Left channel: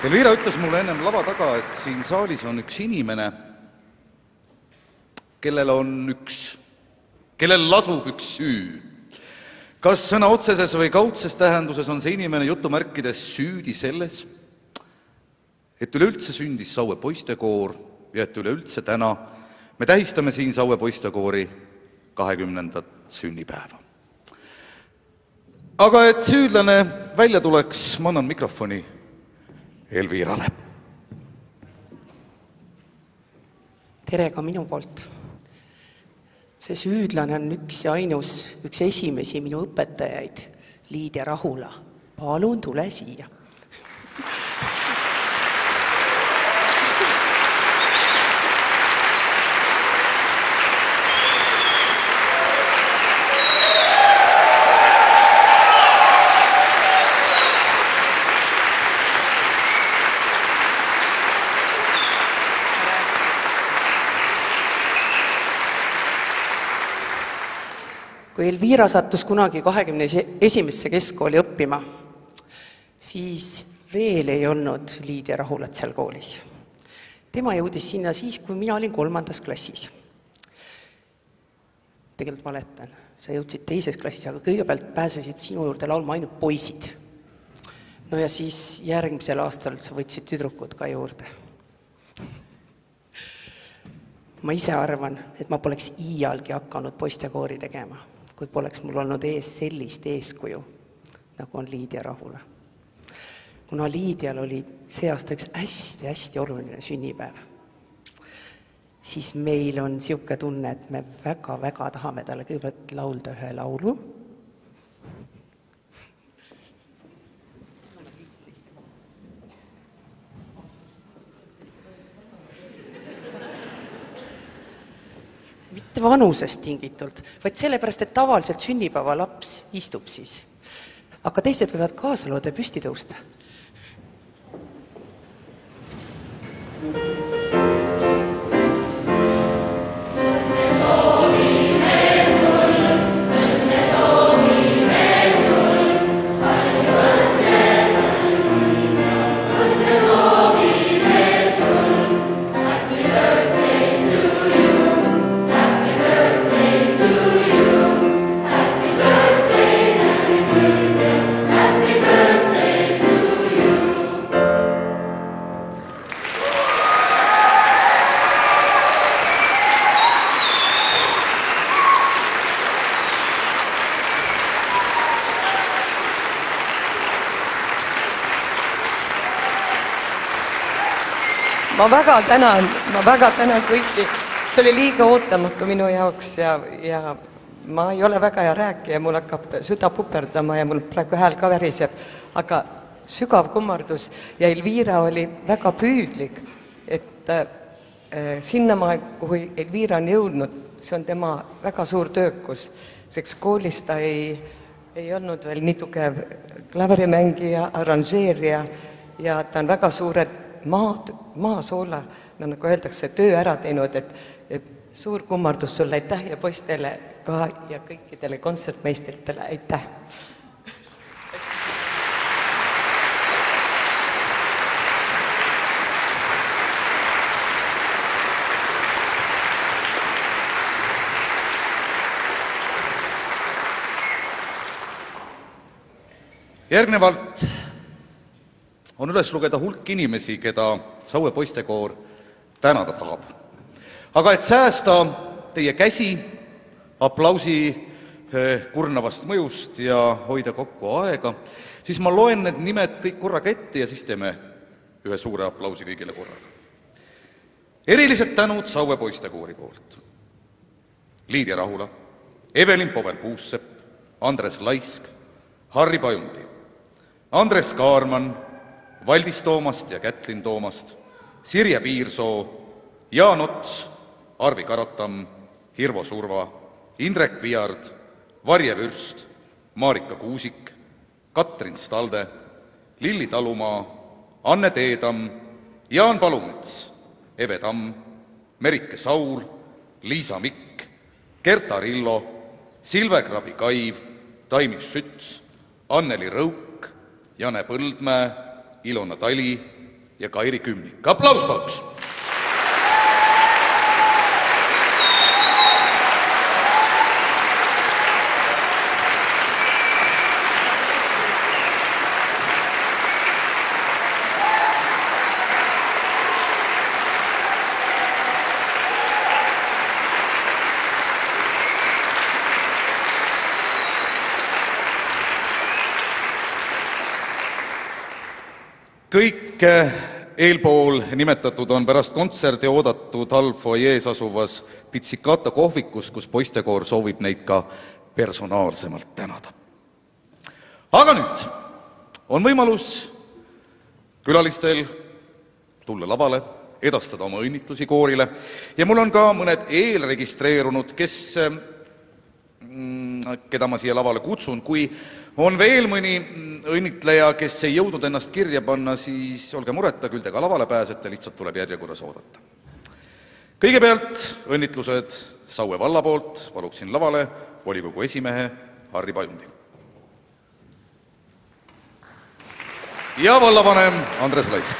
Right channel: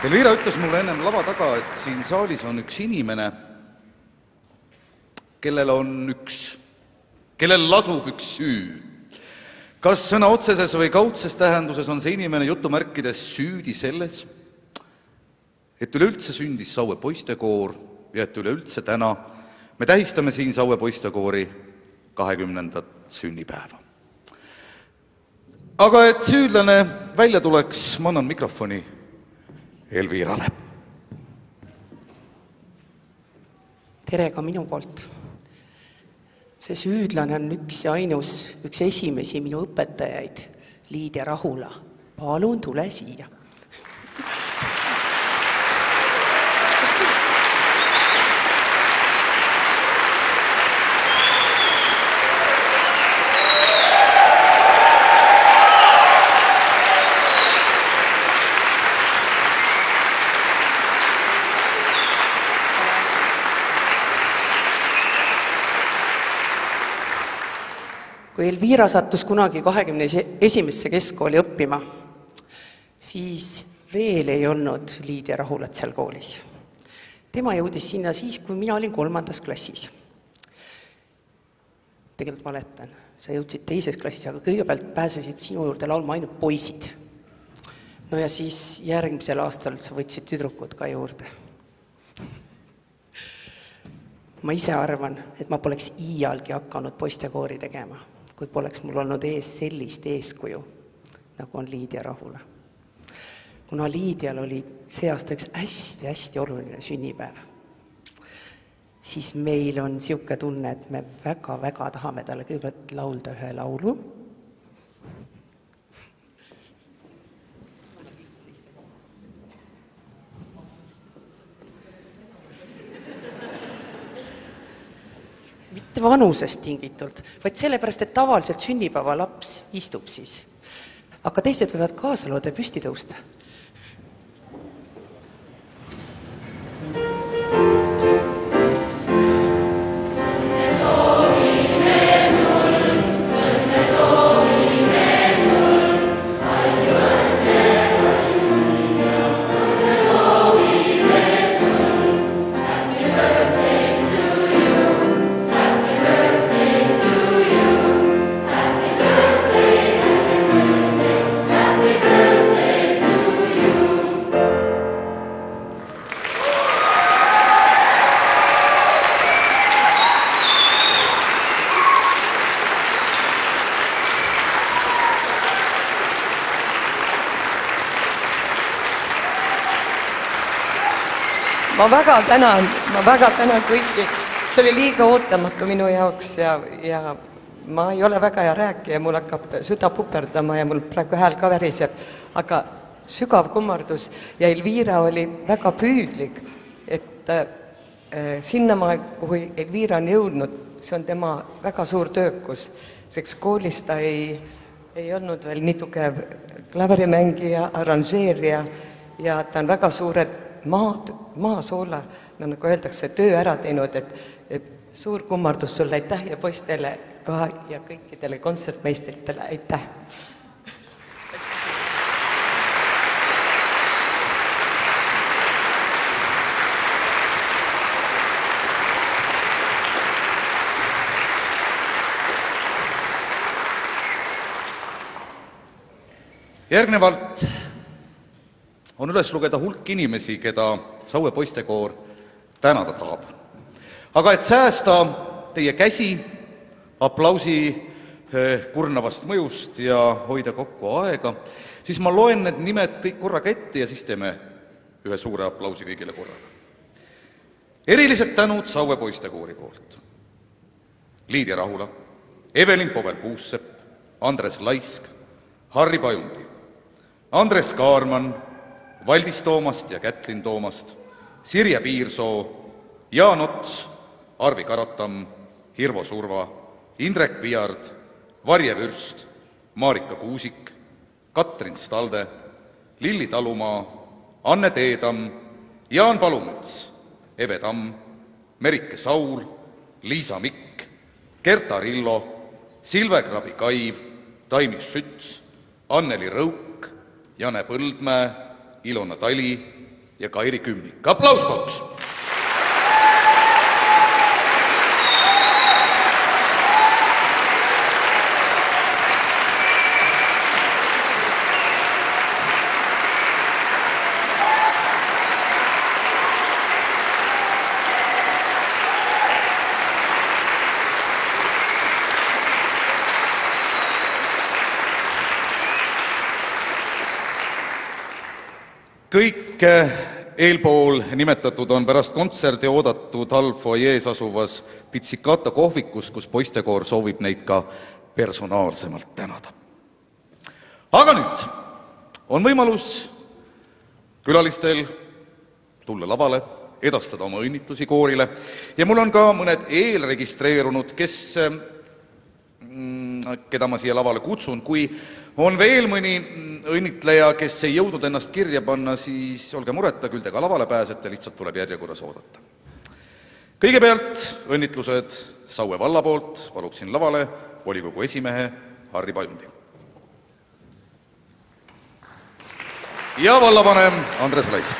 Elvira ütles mulle ennem lava taga, et siin saalis on üks inimene, kellel lasub üks süü. Kas sõna otseses või kaudses tähenduses on see inimene jutumärkides süüdi selles, et üleüldse sündis Saue poistekoor ja et üleüldse täna me tähistame siin Saue poistekoori 20. sünnipäeva. Aga et süüdlane välja tuleks, ma annan mikrofoni Elvirale. Tere ka minu poolt. See süüdlane on üks ja ainus, üks esimesi minu õpetajaid, Liidia Rahula. Palun tule siia. Kui Elvira sattus kunagi 21. keskkooli õppima, siis veel ei olnud Liidia Rahulat seal koolis. Tema jõudis sinna siis, kui mina olin 3. klassis. Tegelikult valetan, sa jõudsid 2. klassis, aga kõigepealt pääsesid sinu juurde laulma ainult poisid. No ja siis järgmisel aastal sa võtsid tüdrukud ka juurde. Ma ise arvan, et ma poleks iialgi hakanud poistekoori tegema, kui poleks mul olnud ees sellist eeskuju, nagu on Liidia Rahula. Kuna Liidial oli see aasta üks hästi oluline sünnipäev, siis meil on siuke tunne, et me väga tahame talle kõigepealt laulda ühe laulu. Mitte vanusest tingitult, vaid sellepärast, et tavaliselt sünnipäeva laps istub siis. Aga teised võivad kaasa looda püsti tõusta. Ma väga tänan kõiki. See oli liiga ootamatu minu jaoks ja ma ei ole väga hea rääkija, mul hakkab süda puperdama ja mul praegu hääl ka väriseb, aga sügav kummardus ja Elvira oli väga püüdlik, et sinnamaa, kuhu Elvira on jõudnud, see on tema väga suur töökus, seks koolis ta ei olnud veel nii tugev klaverimängija, arranžeerija ja ta on väga suured maasoola, nagu öeldakse, töö ära teinud, et suur kummardus sulle, aitäh ja poistele ka ja kõikidele kontsertmeistritele, aitäh! Järgnevalt on üles lugeda hulk inimesi, keda Saue poistekoor tänada tahab. Aga et säästa teie käsi aplausi kurnavast mõjust ja hoida kokku aega, siis ma loen need nimed kõik korraga ette ja siis teeme ühe suure aplausi kõigile korraga. Erilised tänud Saue poistekoori poolt. Liidia Rahula, Evelin Povel-Puussepp, Andres Laisk, Harri Pajundi, Andres Kaarman, Valdis Toomast ja Kätlin Toomast, Sirje Piirsoo, Jaan Ots, Arvi Karatam, Hirvo Surva, Indrek Viard, Varje Vürst, Marika Kuusik, Katrin Stalde, Lilli Talumaa, Anne Teedam, Jaan Palumets, Eve Tamm, Merike Saul, Liisa Mikk, Gerta Rillo, Silve Krabi-Kaiv, Taimis Schütz, Anneli Rõuk, Jane Põldmäe, Ilona Tali, ja Kairi Kümnik. Aplaus paluks! Kõik eelpool nimetatud on pärast kontserdi oodatud halvfoyees asuvas Pitsicata kohvikus, kus poistekoor soovib neid ka personaalsemalt tänada. Aga nüüd on võimalus külalistel tulla lavale, edastada oma õnnitlusi koorile ja mul on ka mõned eelregistreerunud, keda ma siia lavale kutsun. Kui on veel mõni õnnitleja, kes ei jõudnud ennast kirja panna, siis olge mureta, küll te ka lavale pääsete, lihtsalt tuleb järjekorras oodata. Kõigepealt õnnitlused Saue valla poolt, paluksin lavale volikogu esimehe Harri Pajundi. Ja vallavanem Andres Laisk.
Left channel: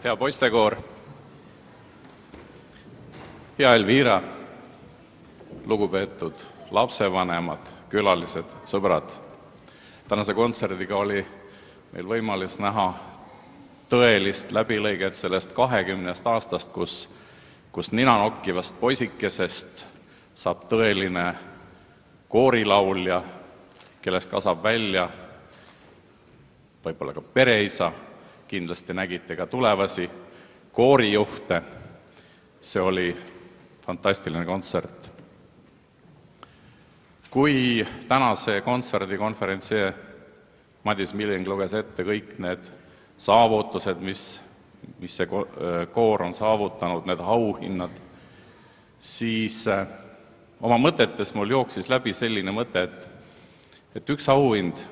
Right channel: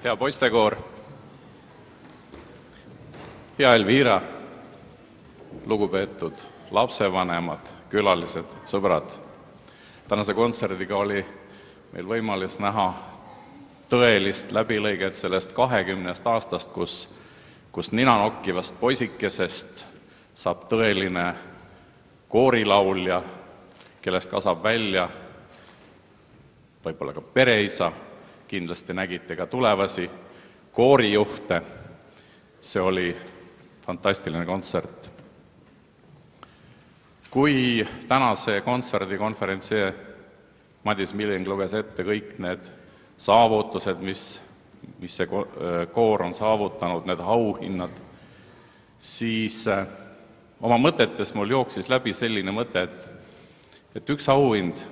Hea poistekoor, hea Elvira, lugupeetud lapsevanemad, külalised, sõbrad. Tänase kontserdiga oli meil võimalus näha tõelist läbilõiget sellest 20 aastast, kus ninanokkivast poisikesest saab tõeline koorilaulja, kellest kasvab välja võib-olla ka pereisa. Kindlasti nägite ka tulevasi koorijuhte. See oli fantastiline kontsert. Kui tänase kontserdikonverentsi Madis Milling luges ette kõik need saavutused, mis see koor on saavutanud, need auhinnad, siis oma mõtetes mul jooksis läbi selline mõte, et üks auhind,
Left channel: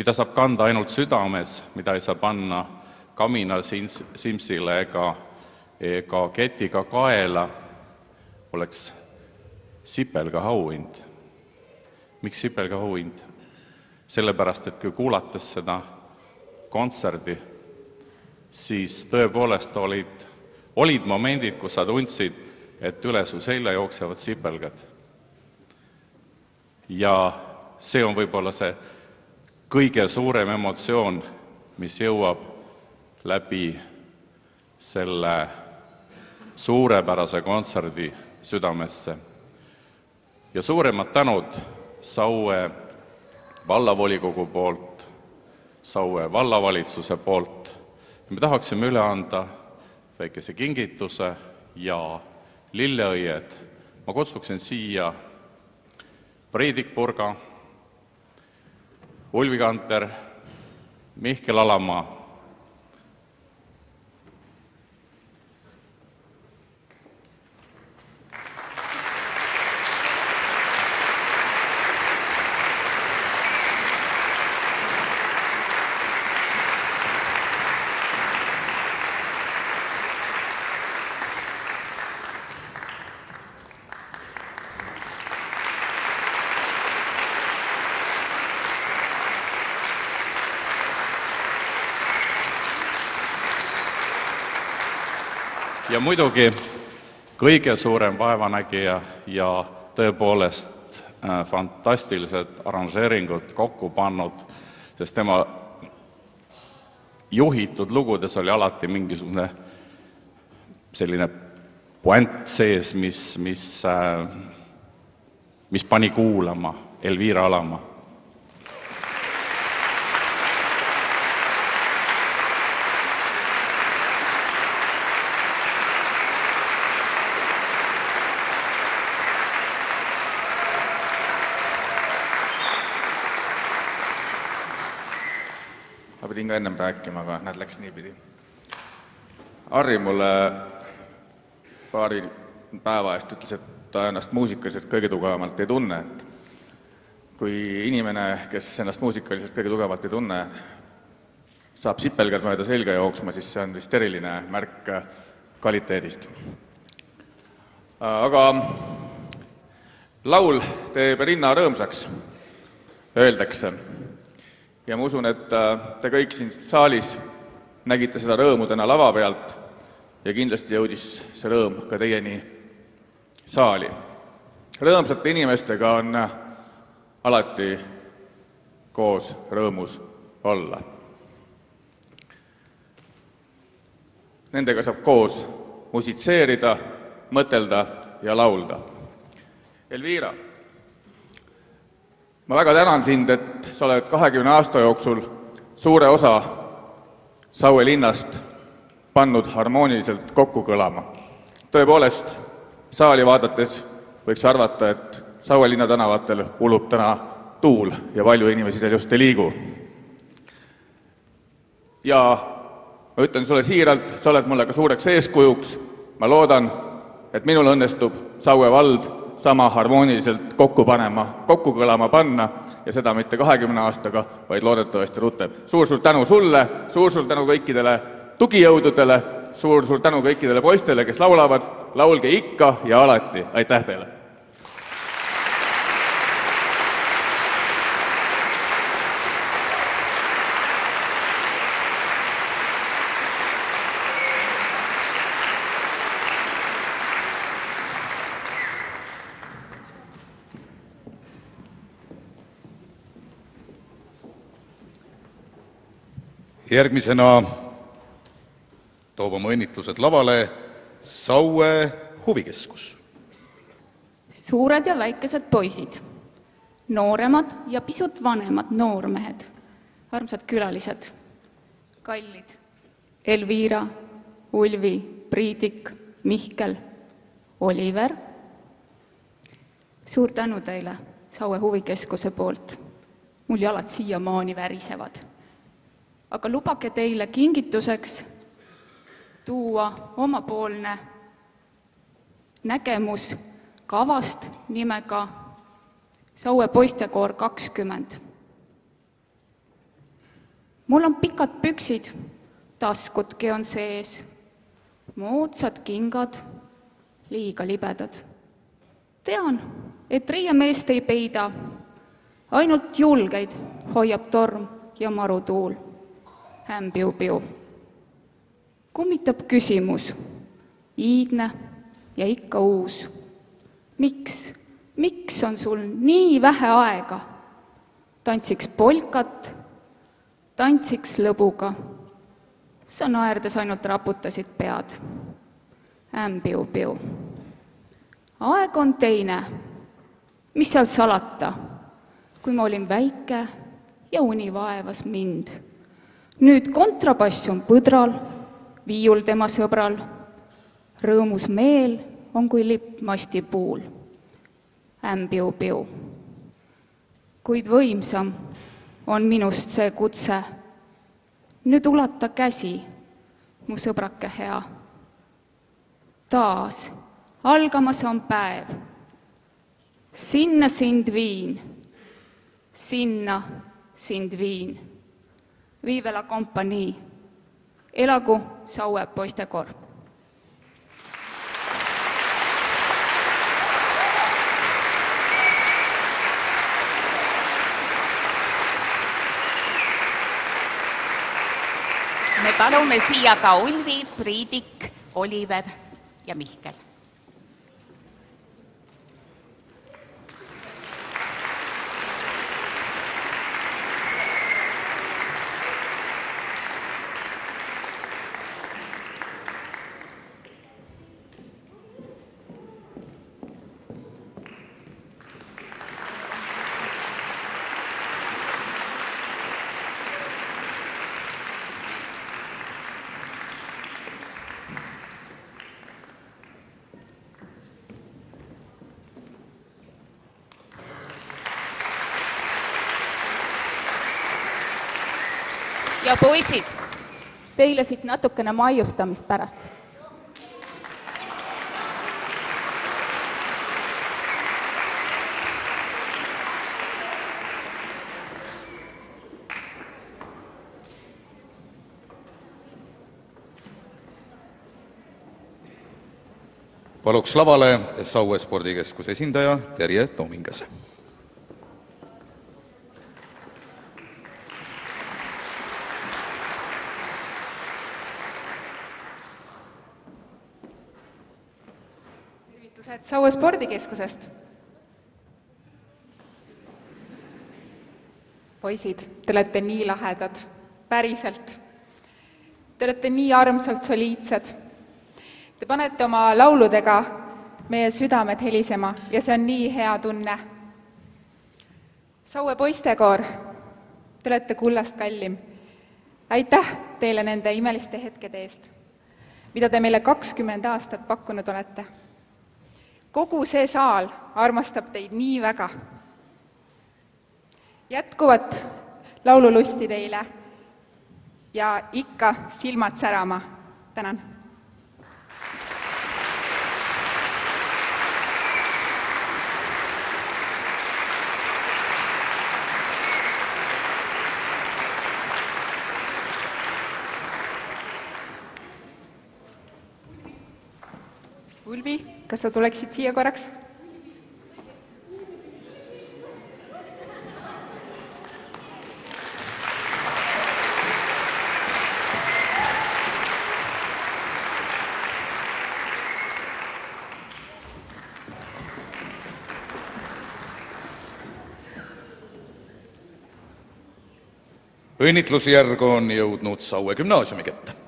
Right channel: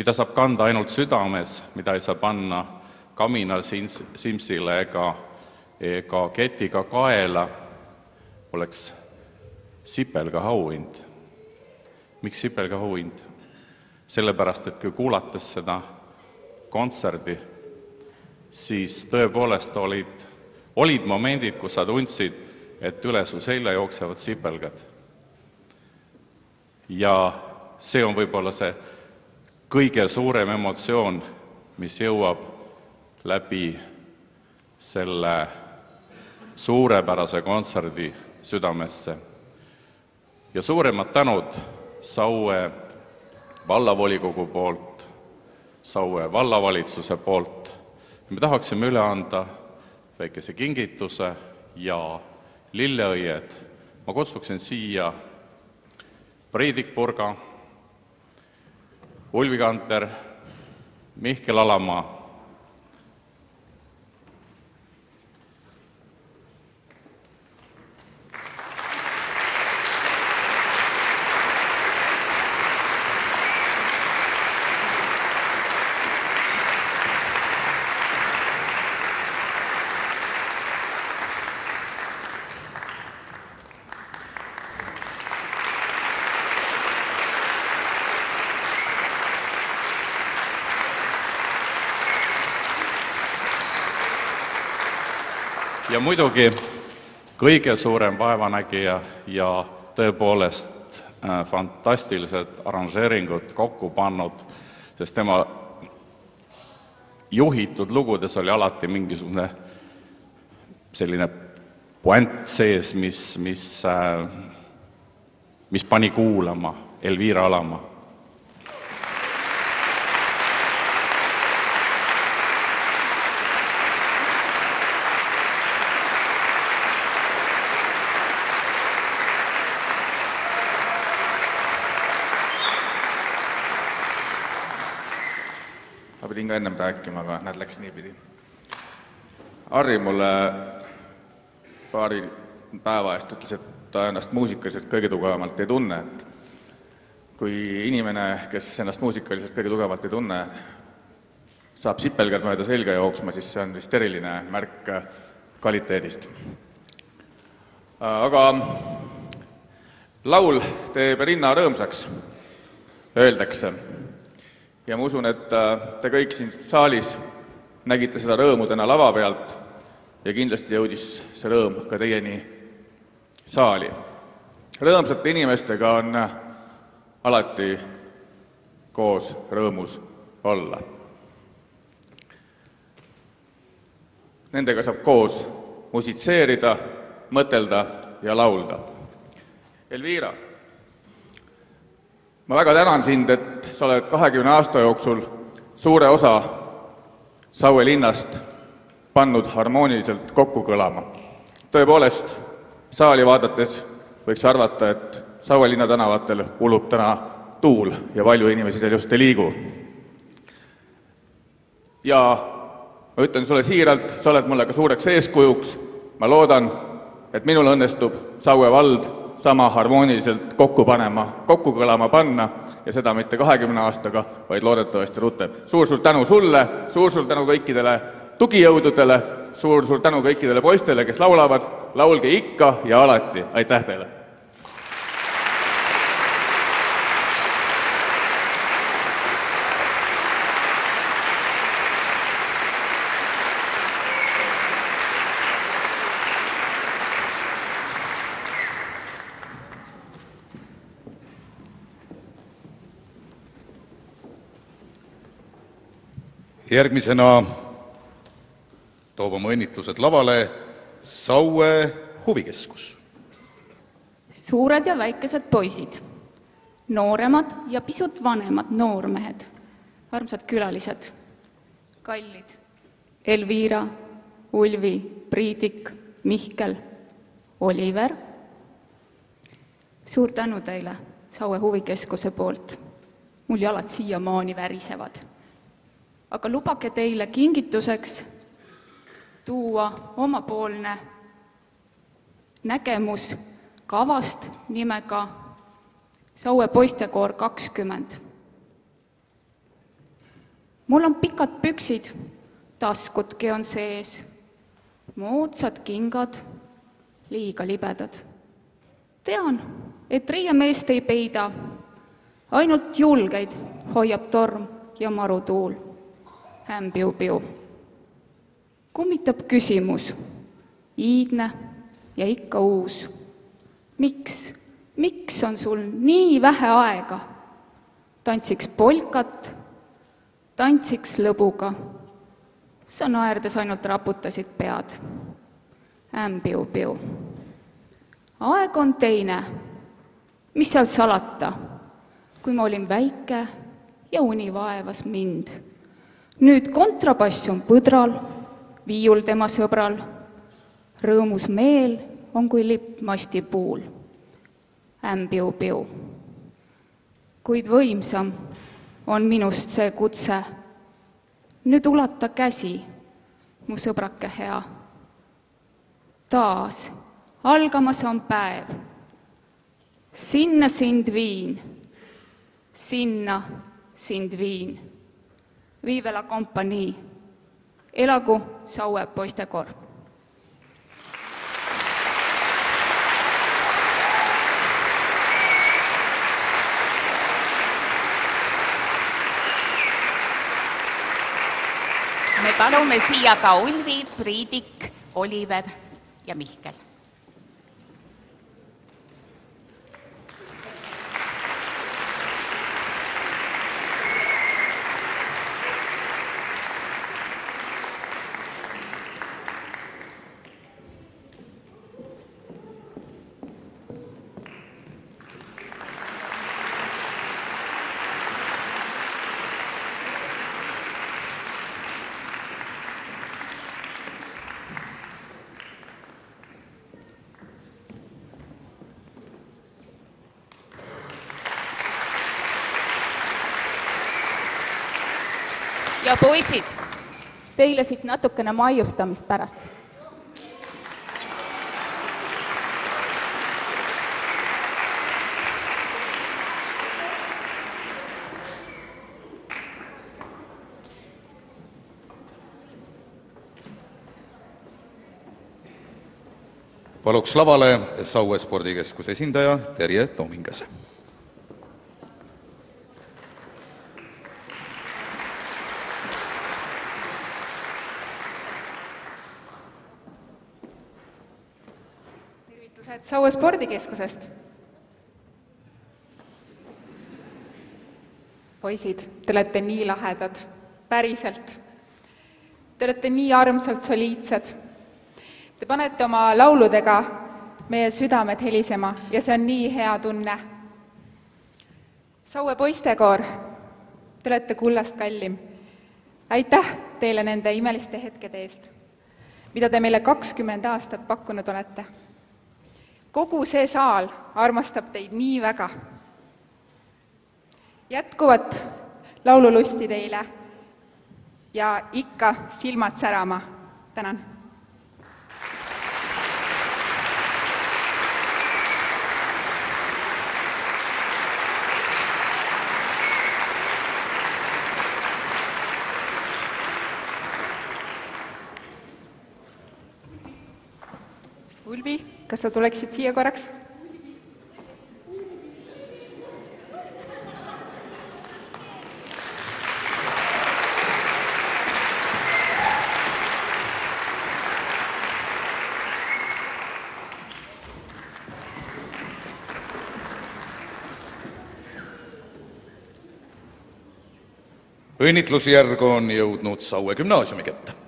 mida saab kanda ainult südames, mida ei saa panna kamina simsile ega ketiga kaela, oleks sipelga auhind. Miks sipelga auhind? Sellepärast, et kui kuulates seda kontserdi, siis tõepoolest olid momendid, kus sa tundsid, et üle su selja jooksevad sipelgad. Ja see on võib-olla see kõige suurem emotsioon, mis jõuab läbi selle suurepärase kontserdi südamesse. Ja suuremad tänud Saue vallavolikogu poolt, Saue vallavalitsuse poolt. Me tahaksime üle anda väikese kingituse ja lilleõied. Ma kutsuksin siia Priidik Purga, Ulvi Kanter, Mihkel Alamaa. Ja muidugi kõige suurem vaevanägija ja tõepoolest fantastilised aranžeeringud kokku pannud, sest tema juhitud lugudes oli alati mingisugune selline puänt sees, mis pani kuulama Elvira Alamaa. Ma pidin ka ennem rääkima, aga näed, läks niipidi. Harri mulle paari päeva eest ütles, et ta ennast muusikaliselt kõige tugevamalt ei tunne. Et kui inimene, kes ennast muusikaliselt kõige tugevalt ei tunne, saab sipelgad mööda selga jooksma, siis see on vist eriline märk kvaliteedist. Aga laul teeb rinna rõõmsaks, öeldakse. Ja ma usun, et te kõik siin saalis nägite seda rõõmu täna lava pealt ja kindlasti jõudis see rõõm ka teieni saali. Rõõmsate inimestega on alati koos rõõmus olla. Nendega saab koos musitseerida, mõtelda ja laulda. Elvira, ma väga tänan sind, et sa oled 20 aasta jooksul suure osa Saue linnast pannud harmooniliselt kokku kõlama. Tõepoolest, saali vaadates võiks arvata, et Saue linna tänavatel ulub täna tuul ja palju inimesi seal just ei liigu. Ja ma ütlen sulle siiralt, sa oled mulle ka suureks eeskujuks. Ma loodan, et minul õnnestub Saue vald sama harmooniliselt kokku kõlama panna ja seda mitte 20 aastaga, vaid loodetavasti rutem. Suur-suur tänu sulle, suur-suur tänu kõikidele tugijõududele, suur-suur tänu kõikidele poistele, kes laulavad, laulge ikka ja alati. Aitäh teile! Järgmisena toob oma õnnitlused lavale Saue huvikeskus. Suured ja väikesed poisid, nooremad ja pisut vanemad noormehed, armsad külalised, kallid Elvira, Ulvi, Priidik, Mihkel, Oliver. Suur tänu teile Saue huvikeskuse poolt. Mul jalad siiamaani värisevad. Aga lubage teile kingituseks tuua omapoolne nägemus kavast nimega Saue poistekoor 20. Mul on pikad püksid, taskudki on sees, moodsad kingad, liiga libedad. Tean, et riiemeest ei peida, ainult julgeid hoiab torm ja marutuul. Piu-piu. Kummitab küsimus, iidne ja ikka uus. Miks on sul nii vähe aega? Tantsiks polkat, tantsiks lõbuga. Sa naerdes ainult raputasid pead. Piu-piu. Aeg on teine. Mis seal salata, kui ma olin väike ja uni vaevas mind? Nüüd kontrabass on põdral, viiul tema sõbral. Rõõmus meel on kui lipp masti puul. Piu-piu. Kuid võimsam on minust see kutse. Nüüd ulata käsi, mu sõbrake hea. Taas algamas on päev. Sinna sind viin. Sinna sind viin. Vive la compagnie. Elagu Saue poistekoor. Me palume siia ka Ulvi, Priidik, Oliver ja Mihkel. Ja poisid, teile siit natukene maiustamist pärast. Paluks lavale Saue spordikeskuse esindaja Terje Toomingase. Tervitused Saue spordikeskusest. Poisid, te olete nii lahedad, päriselt. Te olete nii armsalt soliidsed. Te panete oma lauludega meie südamed helisema ja see on nii hea tunne. Saue poistekoor, te olete kullast kallim. Aitäh teile nende imeliste hetkede eest, mida te meile 20 aastat pakkunud olete. Kogu see saal armastab teid nii väga. Jätkuvat laululusti teile ja ikka silmad särama. Tänan. Ulvi, kas sa tuleksid siia korraks? Õnnitlusjärg on jõudnud Saue gümnaasiumi kätte.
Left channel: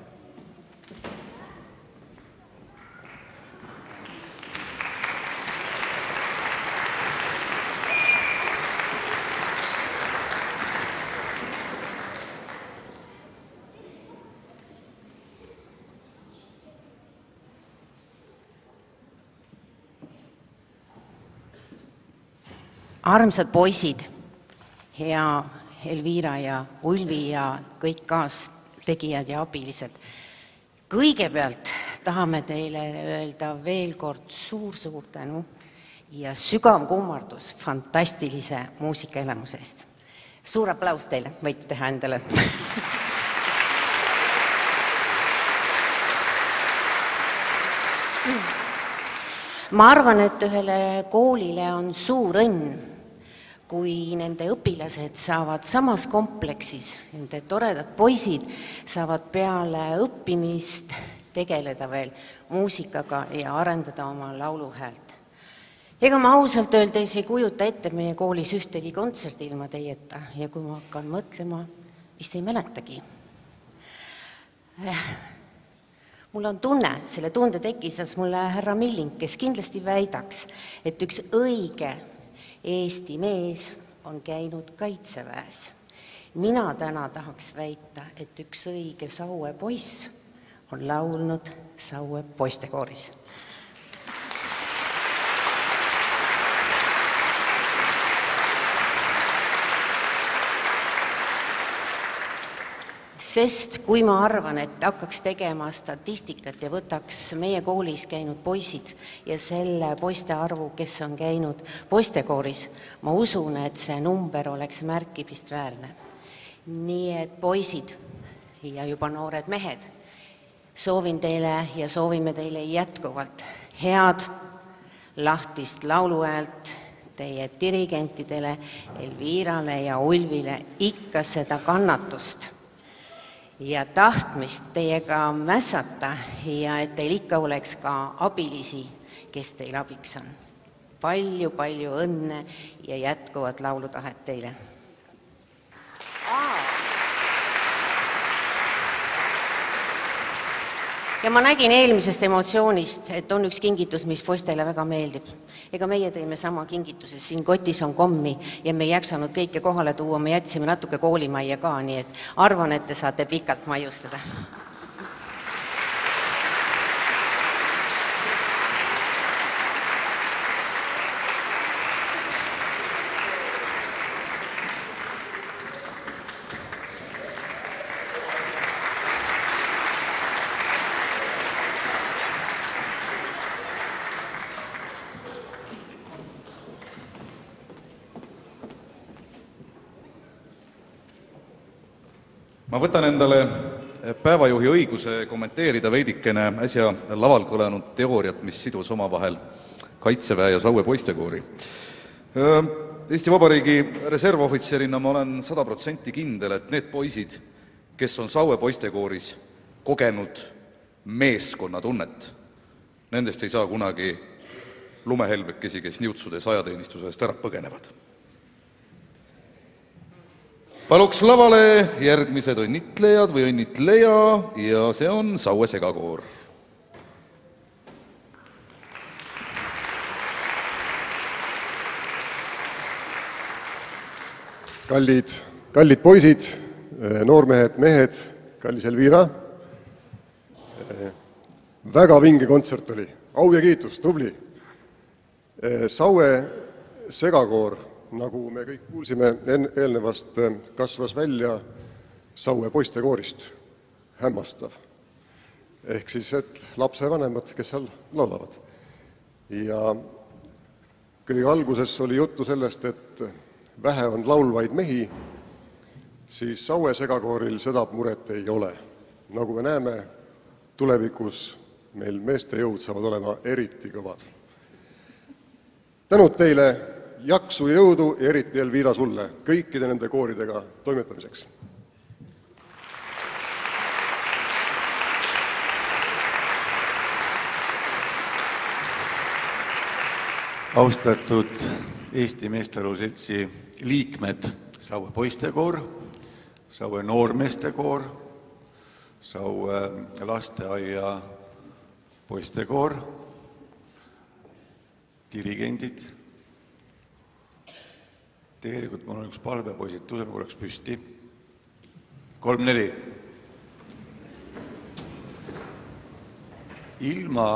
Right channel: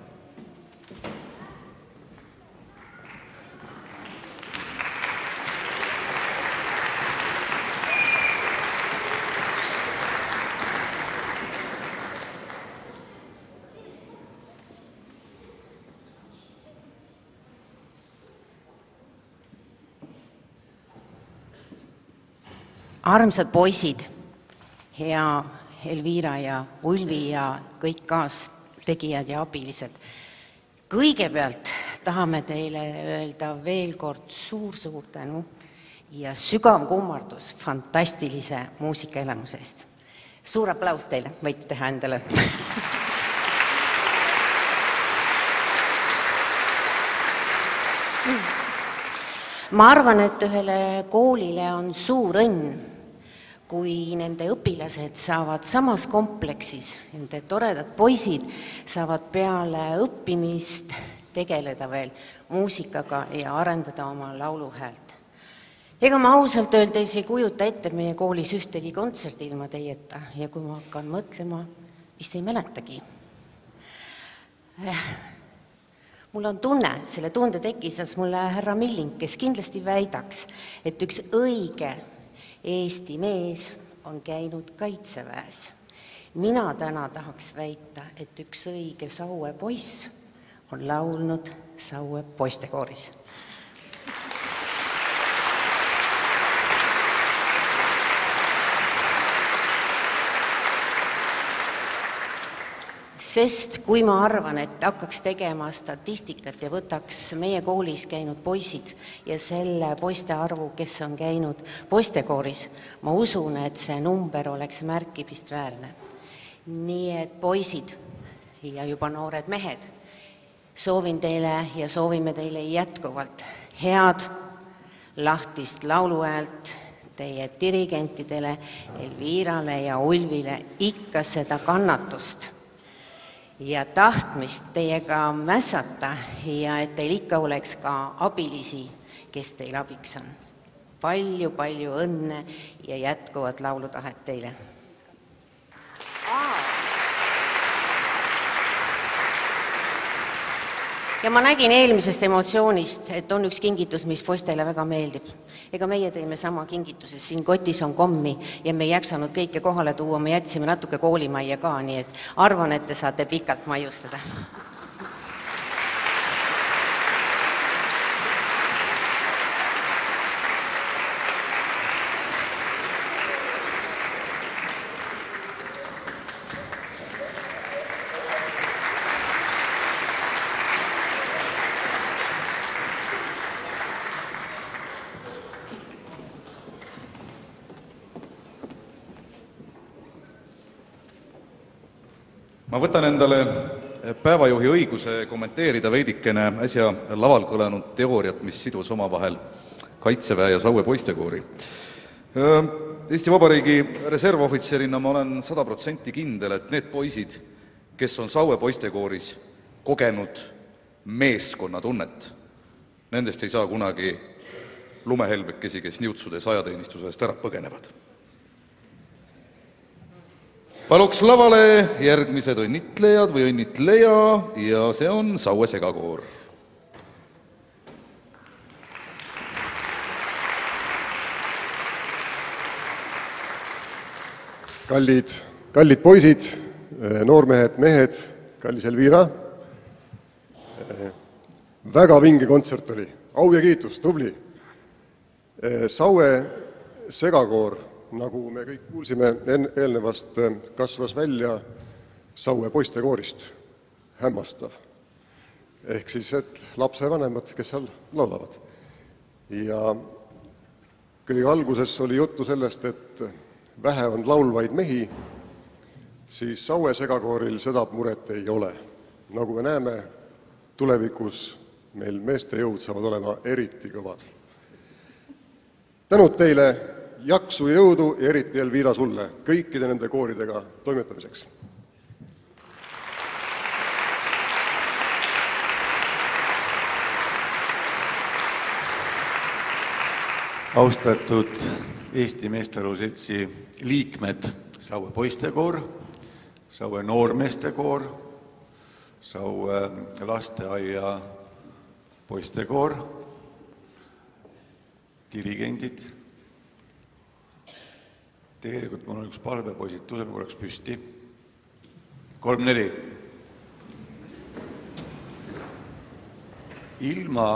Armsad poisid, hea Elvira ja Ulvi ja kõik kaastegijad ja abilised. Kõigepealt tahame teile öelda veel kord suur tänu ja sügav kummardus fantastilise muusikaelamuse eest. Suur aplaus teile, võite teha endale. Ma arvan, et ühele koolile on suur õnn, kui nende õpilased saavad samas kompleksis, nende toredad poisid saavad peale õppimist tegeleda veel muusikaga ja arendada oma lauluhäält. Ega ma ausalt öeldes ei kujuta ette meie koolis ühtegi kontserti ilma teieta ja kui ma hakkan mõtlema, vist ei mäletagi. Mul on tunne, selle tunde tekkis mulle härra Milling, kes kindlasti väidaks, et üks õige Eesti mees on käinud kaitseväes. Mina täna tahaks väita, et üks õige Saue poiss on laulnud Saue poistekooris. Sest kui ma arvan, et hakkaks tegema statistikat ja võtaks meie koolis käinud poisid ja selle poiste arvu, kes on käinud poistekooris, ma usun, et see number oleks märkimisväärne. Nii et poisid ja juba noored mehed, soovin teile ja soovime teile jätkuvalt head lahtist lauluhäält teie dirigentidele, Elvirale ja Ulvile ikka seda kannatust ja tahtmist teiega mässata ja et teil ikka oleks ka abilisi, kes teil abiks on. Palju õnne ja jätkuvat laulutahet teile. Ja ma nägin eelmisest emotsioonist, et on üks kingitus, mis poistele väga meeldib. Ega meie tõime sama kingituses, siin kotis on kommi ja me ei jaksanud kõike kohale tuua, me jätsime natuke koolimajja ka, nii et arvan, et te saate pikalt maiustada. Ma võtan endale päevajuhi õiguse kommenteerida veidikene äsja laval kõlanud teooriat, mis sidus omavahel Kaitseväe ja Saue poistekoori. Eesti Vabariigi reservohvitserina ma olen 100% kindel, et need poisid, kes on Saue poistekooris kogenud meeskonnatunnet, nendest ei saa kunagi lumehelbekesi, kes niutsudes ajateenistusest ära põgenevad. Paluks lavale järgmised õnnitlejad või õnnitleja ja see on Saue segakoor. Kallid poisid, noormehed, mehed, kallis Elvira. Väga vinge kontsert oli, au ja kiitus, tubli. Saue segakoor, nagu me kõik kuulsime eelnevast, kasvas välja Saue poistekoorist, hämmastav. Ehk siis, et lapsevanemad, kes seal laulavad. Ja kõige alguses oli juttu sellest, et vähe on laulvaid mehi, siis Saue segakooril seda muret ei ole. Nagu me näeme, tulevikus meil meeste jõud saavad olema eriti kõvad. Tänud teile, jaksu ja jõudu ja eriti Elvira sulle kõikide nende kooridega toimetamiseks. Austatud Eesti Meestearvu Seltsi liikmed, Saue poistekoor, Saue noormeestekoor, Saue lasteaia poistekoor, dirigendid. Tegelikult mul on üks palve, poisid, tõuseme korraks püsti. 3-4. Ilma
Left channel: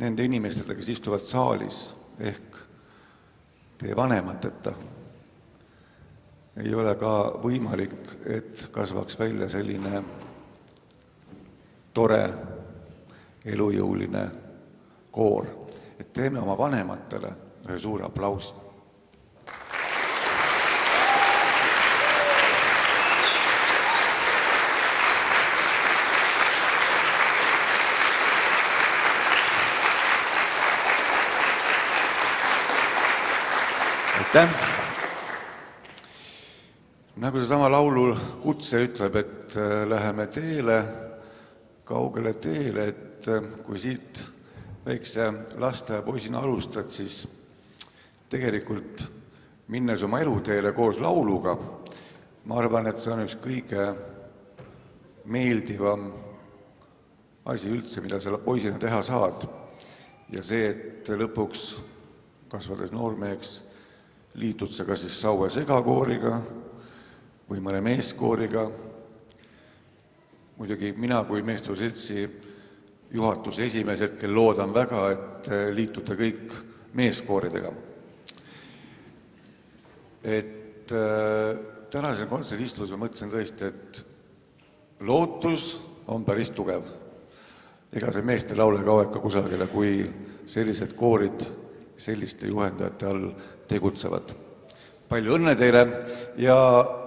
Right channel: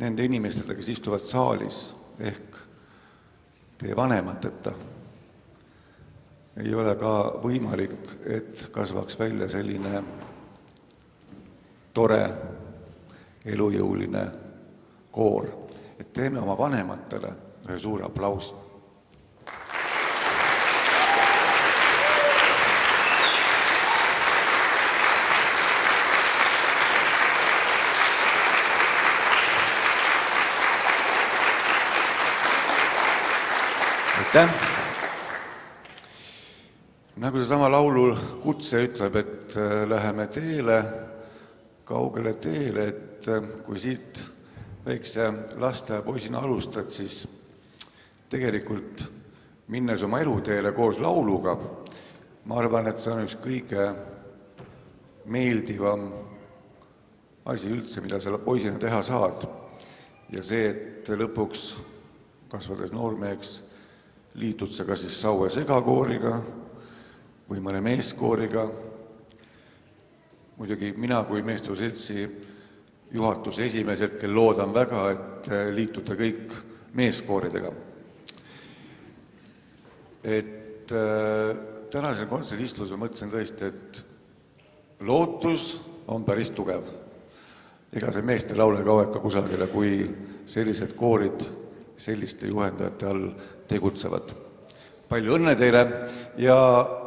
nende inimestele, kes istuvad saalis, ehk teie vanemateta, ei ole ka võimalik, et kasvaks välja selline tore, elujõuline koor. Et teeme oma vanematele ühe suure aplausi. Aitäh! Nagu see sama laulu kutse ütleb, et läheme teele, kaugele teele, et kui siit väikse lastepoisina alustad, siis tegelikult minnes oma eluteele koos lauluga, ma arvan, et see on üks kõige meeldivam asi üldse, mida sa poisina teha saad. Ja see, et lõpuks kasvades noormeheks liitud sa ka siis Saue segakooriga või mõne meeskooriga. Muidugi mina kui Meestearvu Seltsi juhatuse esimees hetkel loodan väga, et liitute kõik meeskooridega. Et tänasel kontserdistuses ma mõtlesin tõesti, et lootus on päris tugev. Ega see meeste laule kaua ikka kusagile, kui sellised koorid selliste juhendajate all tegutsevad. Palju õnne teile ja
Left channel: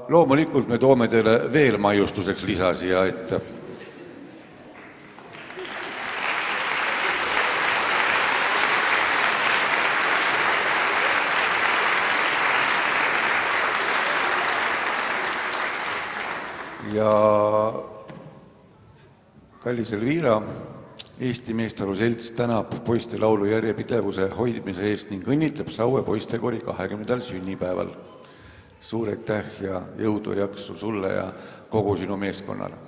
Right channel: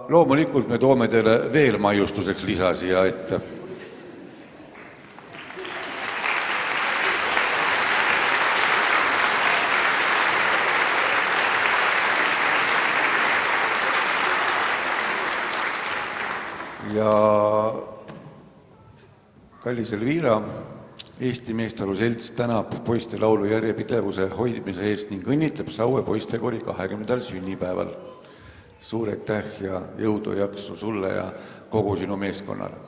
loomulikult me toome teile veel maiustuseks lisa siia ette. Ja kallis Elvira, Eesti Meestearvu Selts tänab poiste laulu järjepidevuse hoidmise eest ning õnnitleb Saue poistekoori 20. sünnipäeval. Suur aitäh ja jõudu jaksu sulle ja kogu sinu meeskonnale.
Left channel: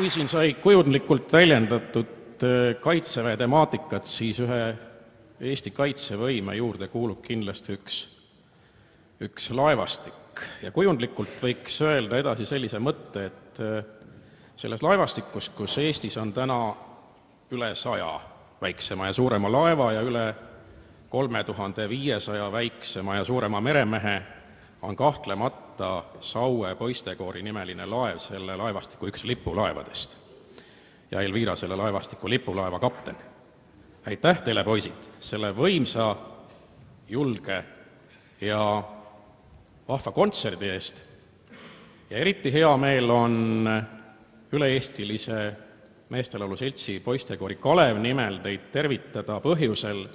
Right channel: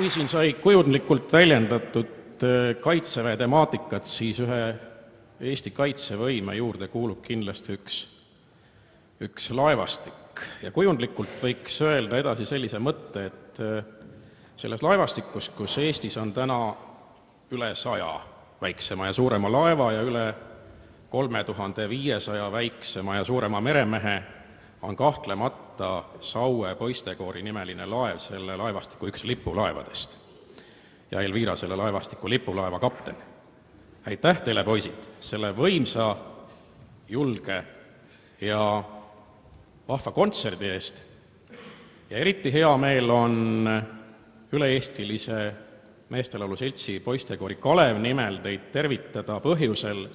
Kui siin sai kujundlikult väljendatud kaitseväe temaatikat, siis ühe Eesti kaitsevõime juurde kuulub kindlasti üks laevastik. Ja kujundlikult võiks öelda edasi sellise mõtte, et selles laevastikus, kus Eestis on täna üle 100 väiksema ja suurema laeva ja üle 3500 väiksema ja suurema meremehe on kahtlemata Saue poistekoori nimeline laev selle laevastiku üks lipulaevadest. Ja Elvira selle laevastiku lipulaeva kapten. Aitäh teile, poisid, selle võimsa, julge ja vahva kontserdi eest. Ja eriti hea meel on üle-eestilise meestelaulu seltsi poistekoori Kalev nimel teid tervitada põhjusel,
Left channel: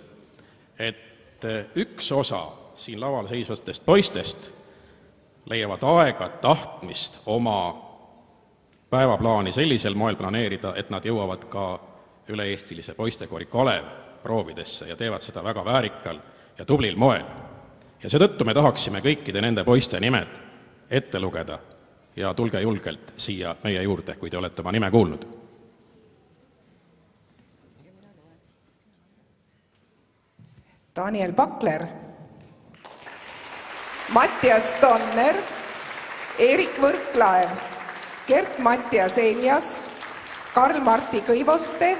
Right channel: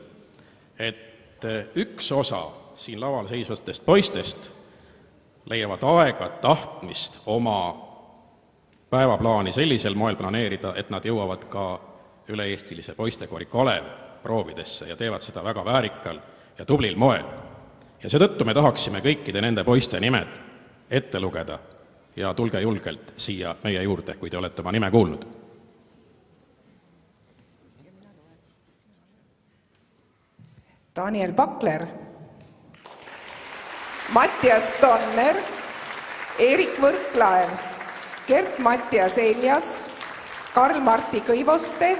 et üks osa siin laval seisvatest poistest leiavad aega tahtmist oma päevaplaani sellisel moel planeerida, et nad jõuavad ka üle-eestilise poistekoori Kalev proovidesse ja teevad seda väga väärikal ja tublil moel. Ja seetõttu me tahaksime kõikide nende poiste nimed ette lugeda ja tulge julgelt siia meie juurde, kui te olete oma nime kuulnud. Daniel Pakler, Mattias Tonner, Erik Võrklaev, Gert-Mattias Eljas, Karl-Marti Kõivoste,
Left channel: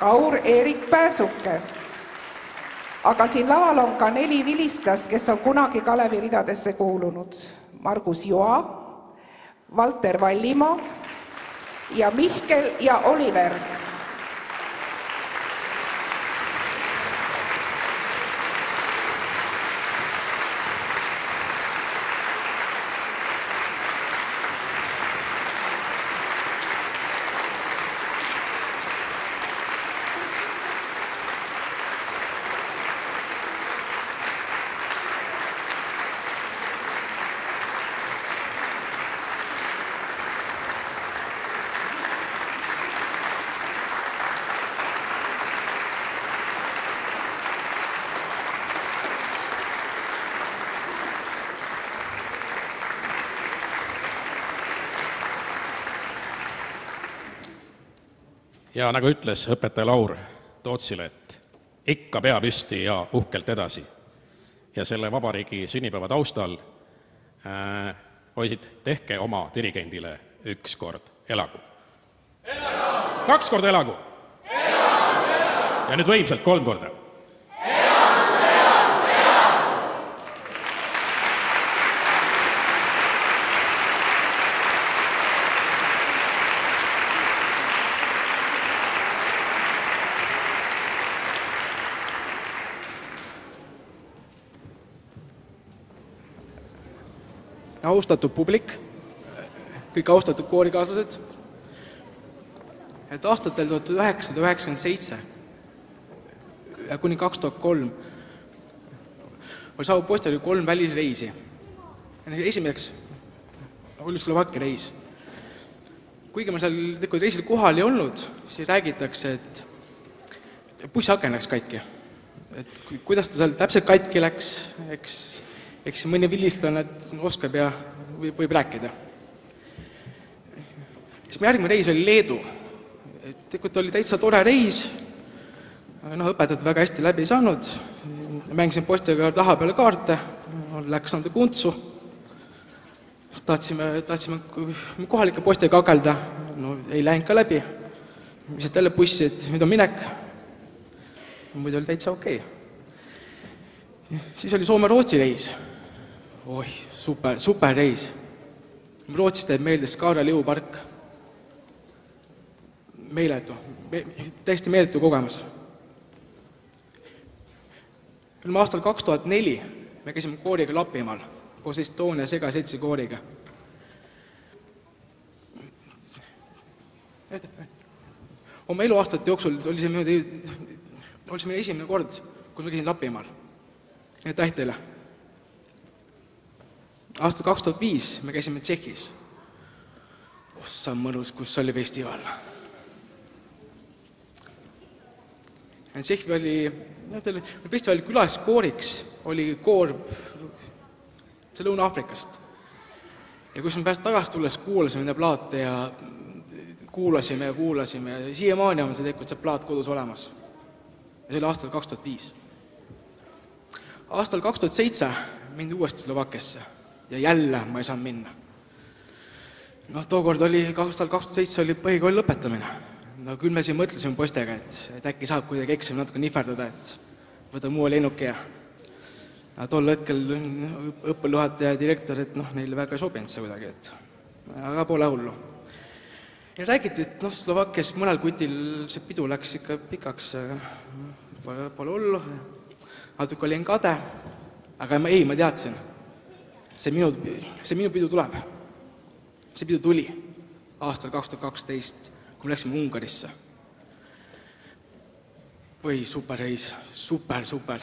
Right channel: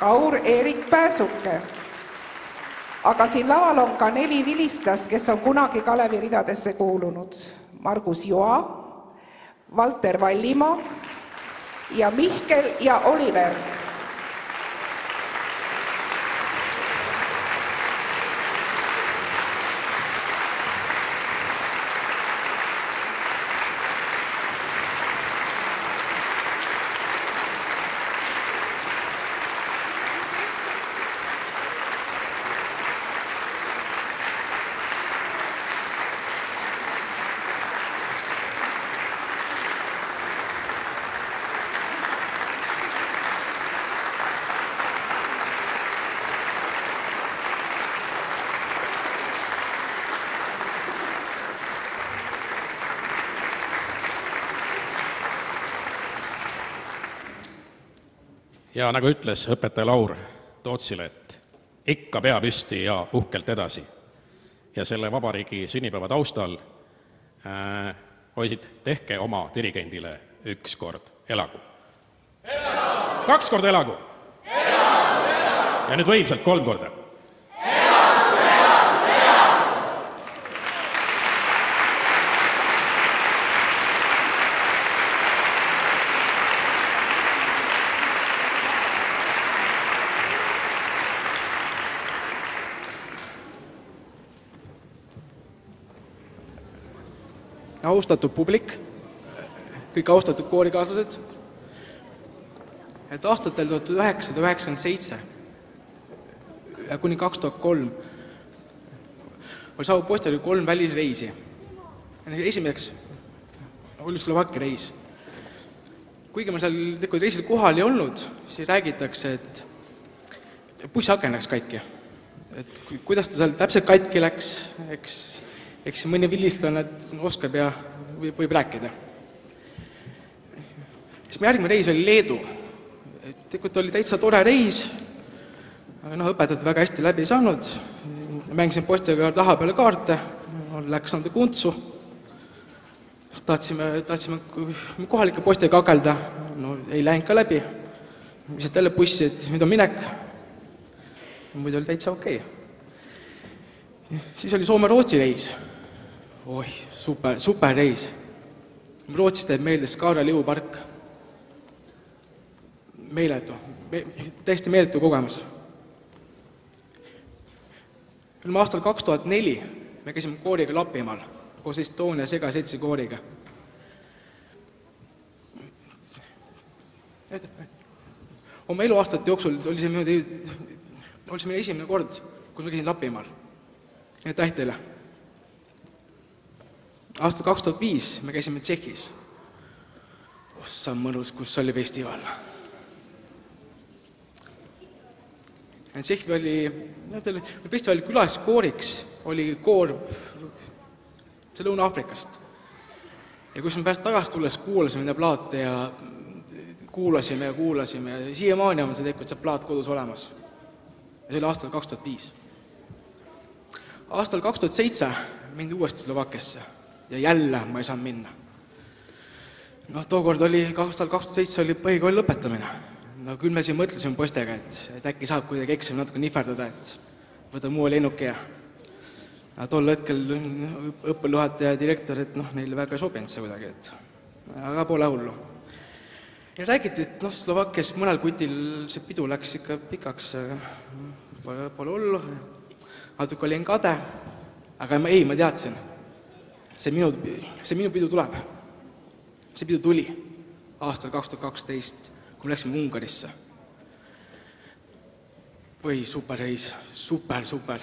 Kaur Erik Pääsuke. Aga siin laval on ka 4 vilistlast, kes on kunagi Kalevi ridadesse kuulunud. Margus Joa, Valter Vallimaa ja Mihkel ja Oliver. Ja nagu ütles õpetaja Laur Tootsile, et ikka pea püsti ja uhkelt edasi. Ja selle vabariigi sünnipäeva taustal, poisid, tehke oma dirigendile 1 kord elagu. Elagu! 2 korda elagu! Elagu! Ja nüüd võimsalt 3 korda. Austatud publik, kõik austatud koorikaaslased, et aastatel 1997 ja kuni 2003 oli Saue poistekoori 3 välisreisi. Esimeseks oli Slovakkia reis. Kuigi ma seal reisil kohal ei olnud, siis räägitakse, et bussiaken läks katki. Et kuidas ta seal täpselt katki läks, eks mõni vilistlane oskab ja võib rääkida. Siis järgmine reis oli Leedu. Tegelikult oli täitsa tore reis, aga õpetajad väga hästi läbi ei saanud. Mängisin poistega taha peale kaarte, läks nende kuntsu. Tahtsime kohalike poistega kakelda, ei läinud ka läbi. Mis jälle bussi, et nüüd on minek. Muidu oli täitsa okei. Siis oli Soome-Rootsi reis. Oi, super reis. Rootsis teeb meelde Skaara liupark. Meeletu, täiesti meeletu kogemus. Olime aastal 2004, me käisime kooriga Lapimaal, koos Estonia segaseltsi kooriga. Oma eluaastate jooksul oli see meil esimene kord, kui me käisin Lapimaal. Aitäh teile. Aastal 2005 me käisime Tšehhis. Ossa mõnus, kus oli festival. Festivali külaliskooriks oli koor Lõuna-Aafrikast. Ja kui me pärast tagasi tulles kuulasime nende plaate ja kuulasime ja siiamaani on see plaat kodus olemas. Ja see oli aastal 2005. Aastal 2007 mindi uuesti Slovakkiasse ja jälle ma ei saanud minna. Tookord oli, aastal 2007 oli põhikooli lõpetamine. no küll me siin mõtlesime poistega, et äkki saab kuidagi eksami natuke nihverdada, et võtame uue lennuki ja tol hetkel õppejuhataja ja direktor, et neile väga ei sobinud see kuidagi, et aga pole hullu. Ja räägiti, et Slovakkias mõnel kutil see pidu läks ikka pikaks, pole hullu, natuke olin kade, aga ma teadsin, see minu pidu tuleb. See pidu tuli aastal 2012, kui me läksime Ungarisse. Või superreis, super.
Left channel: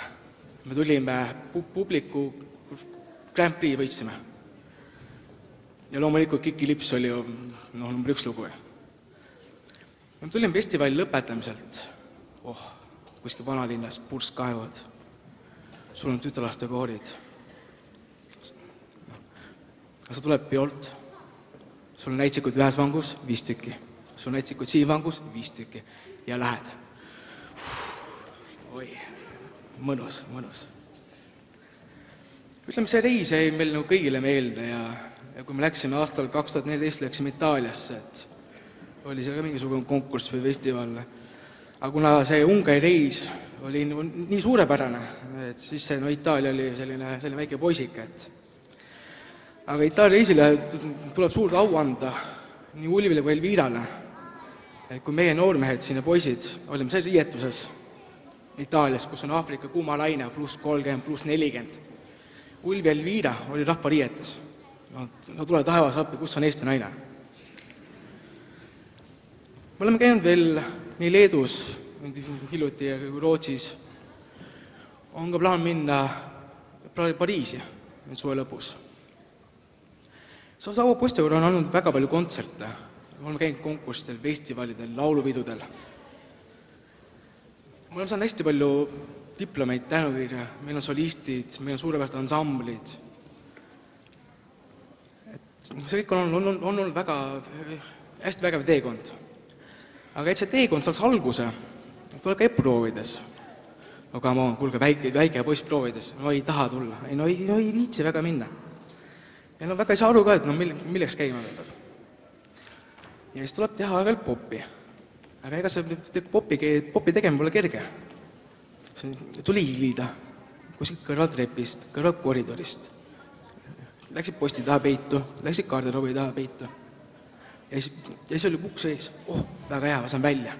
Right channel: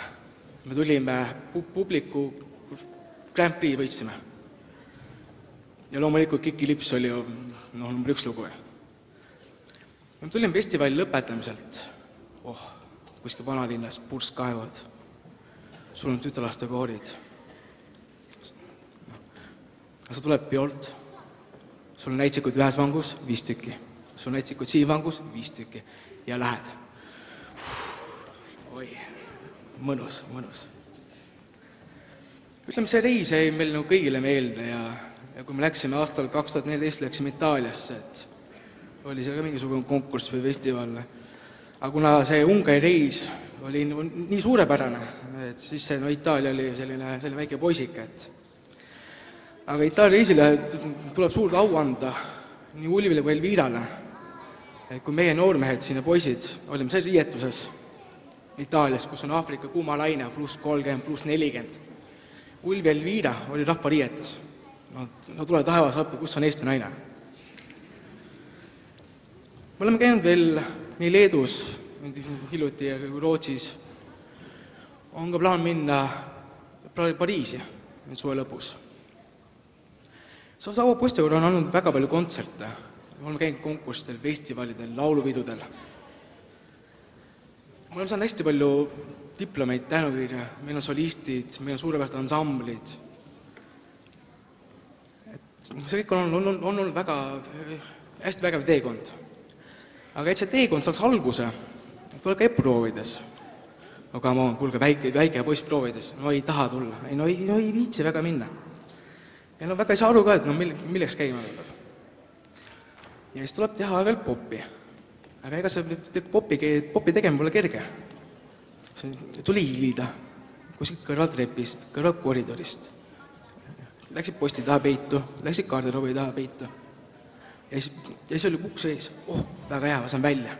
Me tulime publiku Grand Prix võitsime. Ja loomulikult Kiki Lips oli ju number 1 lugu. Me tulime festivali lõpetamiselt. Kuskil vanalinnas, purskkaevad. Sul on tütarlaste koorid. Sa tuleb piolt. Sul on näitsikud ühes vangus 5 tükki. Sul on näitsikud siin vangus 5 tükki. Ja lähed. Oi, mõnus. Ütleme, see reis jäi meil kõigile meelde ja kui me läksime aastal 2014, läksime Itaaliasse, et oli seal ka mingisugune konkurss või festival. Aga kuna see Ungari reis oli nii suurepärane, et siis see Itaalia oli selline väike poisik, et aga Itaalia reisile tuleb suurt au anda nii Ulvile kui Elvirale, et kui meie noormehed siin ja poisid olime seal riietuses Itaalias, kus on Aafrika kuumalaine +30, +40. Ulvi ja Elvira oli rahva riietus. No tule taevas appi, kus on Eesti naine. Me oleme käinud veel nii Leedus, hiljuti ja Rootsis. On ka plaan minna Pariisi suve lõpus. Saue poistekoor on olnud väga palju kontserte. Me oleme käinud konkurssidel, festivalidel, laulupidudel. Me oleme saanud hästi palju diplomeid, tänukirja, meil on solistid, meil on suurepärased ansamblid. See kõik on olnud väga hästi vägev teekond. Aga et see teekond saaks alguse, tuleb käib proovides. Aga kuulge, väike poiss proovides, ei taha tulla, ei viitsi väga minna. Ja väga ei saa aru ka, et milleks käima peab. Ja siis tuleb teha veel popi. Aga ega see popi tegema pole kerge. Tuli hiilida kuskilt kõrvaltrepist, kõrvalkoridorist. Läksid posti taha peitu, läksid garderoobi taha peitu. Ja siis oli uks ees. Väga hea, ma saan välja.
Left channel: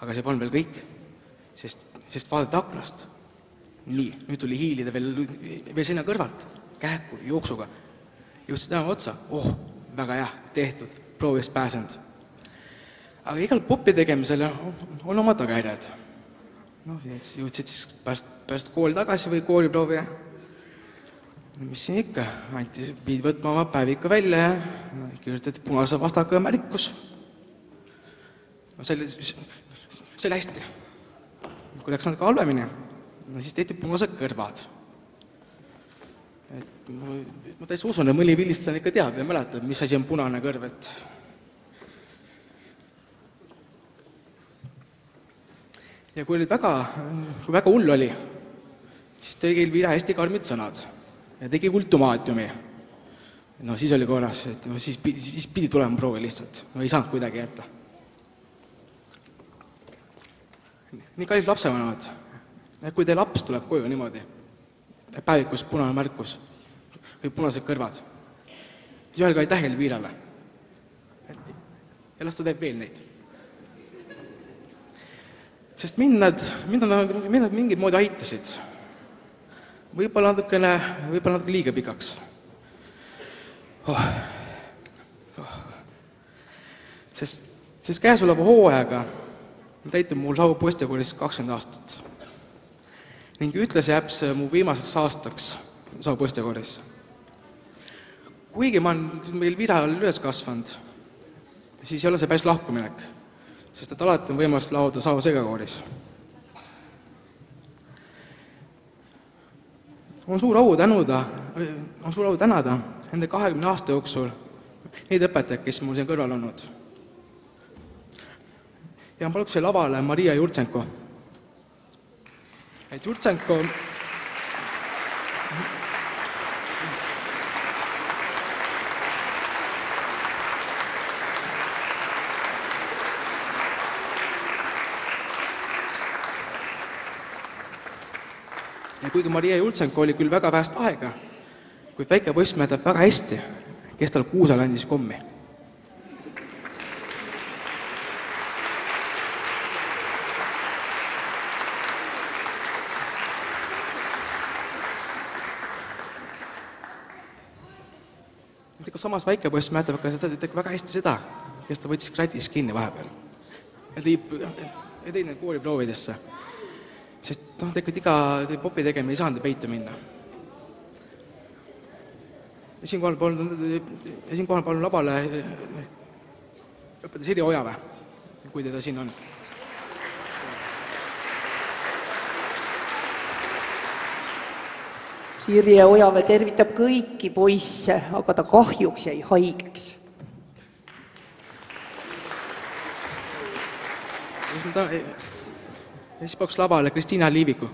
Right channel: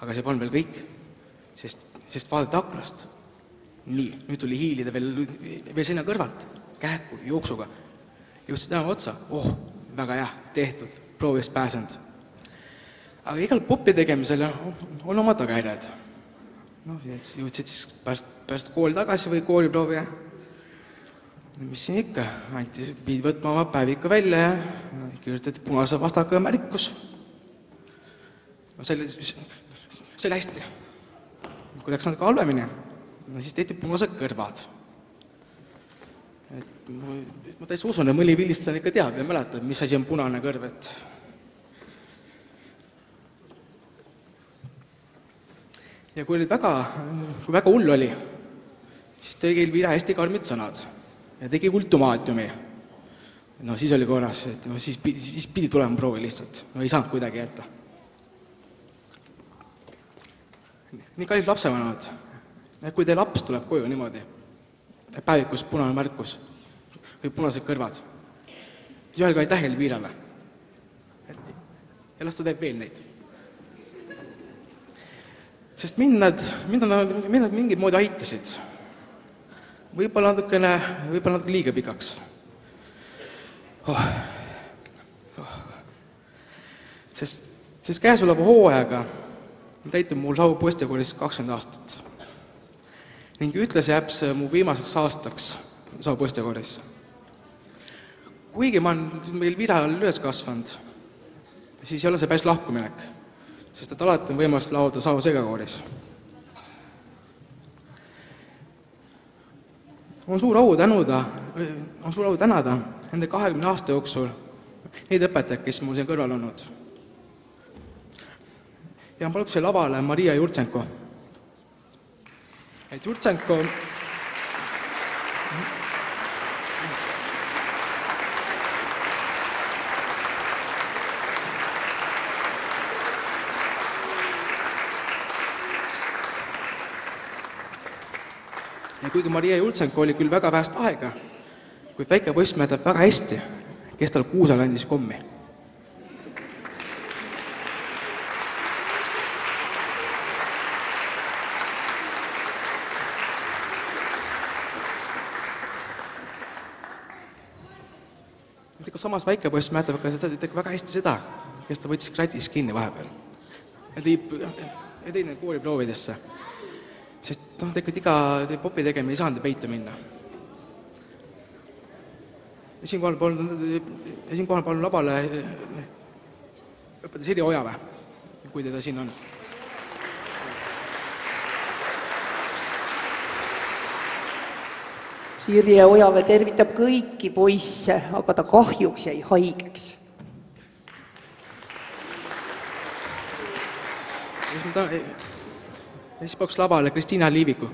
Aga see polnud veel kõik, sest vaadati aknast. Nii, nüüd tuli hiilida veel sinna kõrvalt, kähku, jooksuga. Jõudsid tänava otsa. Väga hea, tehtud, proovist pääsenud. Aga igal popi tegemisel on oma tagajärjed. Jõudsid siis pärast kooli tagasi või kooliproovi. Mis siin ikka? Pidi võtma oma päeviku välja ja kirjutati punase vastaka märkus. See oli hästi. Kui läks natuke halvemini, siis tehti punased kõrvad. Ma täitsa usun, et mõni vilistajana ikka teab ja mäletab, mis asi on punane kõrv. Ja kui väga hull oli, siis tegi Elvira hästi karmid sõnad ja tegi ultimaatiumi. Siis oli korras, et siis pidi tulema proovi lihtsalt. Ei saanud kuidagi jätta. Nii kallid lapsevanemad, kui teie laps tuleb koju niimoodi, päevikus punane märkus või punased kõrvad, siis öelge aitäh Elvirale. Ja las ta teeb veel neid. Sest mind nad mingid moodi aitasid. Võib-olla natukene liiga pikaks. Sest käesoleva hooajaga täitub mul Saue poistekoolis 20 aastat. Ning ütles jääb see mu viimaseks aastaks Saue poistekoolis. Kuigi ma olen meil Viral üles kasvanud, siis ei ole see päris lahkuminek, sest et alati on võimalus laulda Saue segakooris. On suur au tänada nende 20 aasta jooksul neid õpetajad, kes mul siin kõrval olnud. Ja ma paluks lavale Maria Jurtsenko. Et Jurtsenko Ja kuigi Maria Jultsenko oli küll väga vähest aega, kuid väike poiss mäletab väga hästi, kes tal kuusal andis kommi. Samas väike poiss mäletab ka väga hästi seda, kes ta võttis kratis kinni vahepeal. Ja tõi need kooliproovidesse. Sest tegelikult iga popi tegema ei saanud peitu minna. Ja siinkohal palun lavale õpetada Sirje Ojave, kui teda siin on. Sirje Ojave tervitab kõiki poisse, aga ta kahjuks jäi haigeks. Ja siis pakuks lavale Kristiina Liiviku.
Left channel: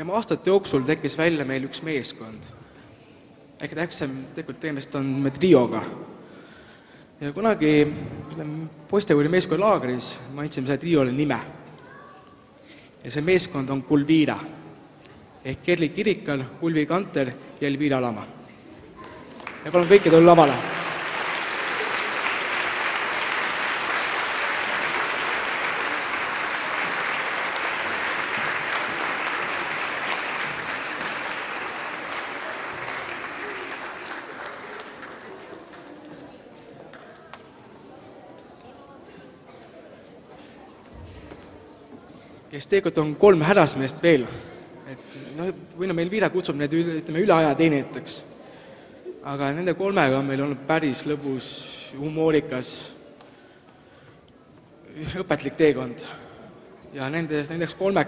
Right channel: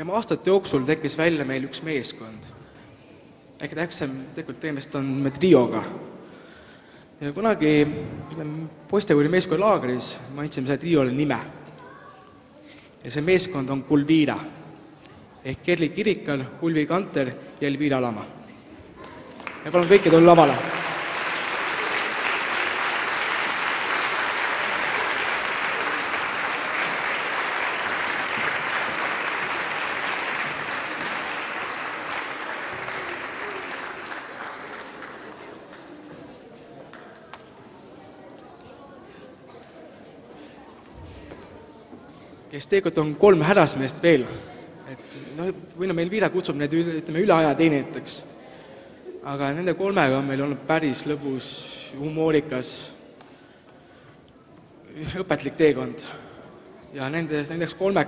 Ja aastate jooksul tekkis välja meil üks meeskond. Ehk täpsem tegelikult tegemist on me trioga. Ja kunagi poistekooli meeskonna laagris ma andsin selle triole nime. Ja see meeskond on Kulviira. Ehk Kerli Kirikal, Ulvi Kanter ja Elviira Lama. Ja palun kõike tulla lavale. Kes tegelikult on 3 härrasmeest veel. Või meil Viira kutsub need üle aja teenijateks. Aga nende 3 on meil olnud päris lõbus, humoorikas, õpetlik teekond. Ja nendeks 3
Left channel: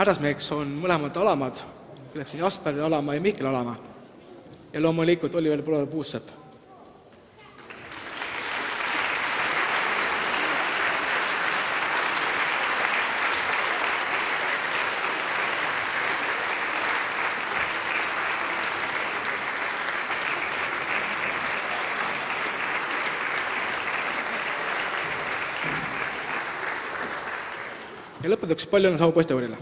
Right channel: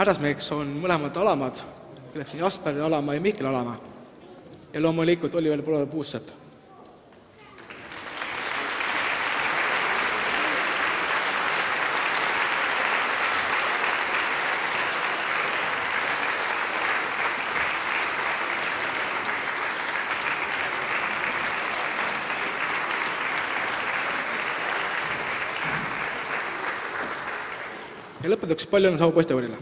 härrasmeheks on mõlemad alamad, kelleks on Jasper Alama ja Mihkel Alama. Ja loomulikult Oliver Puussepp. Ja lõpetuseks palju õnne Saue poistekoorile!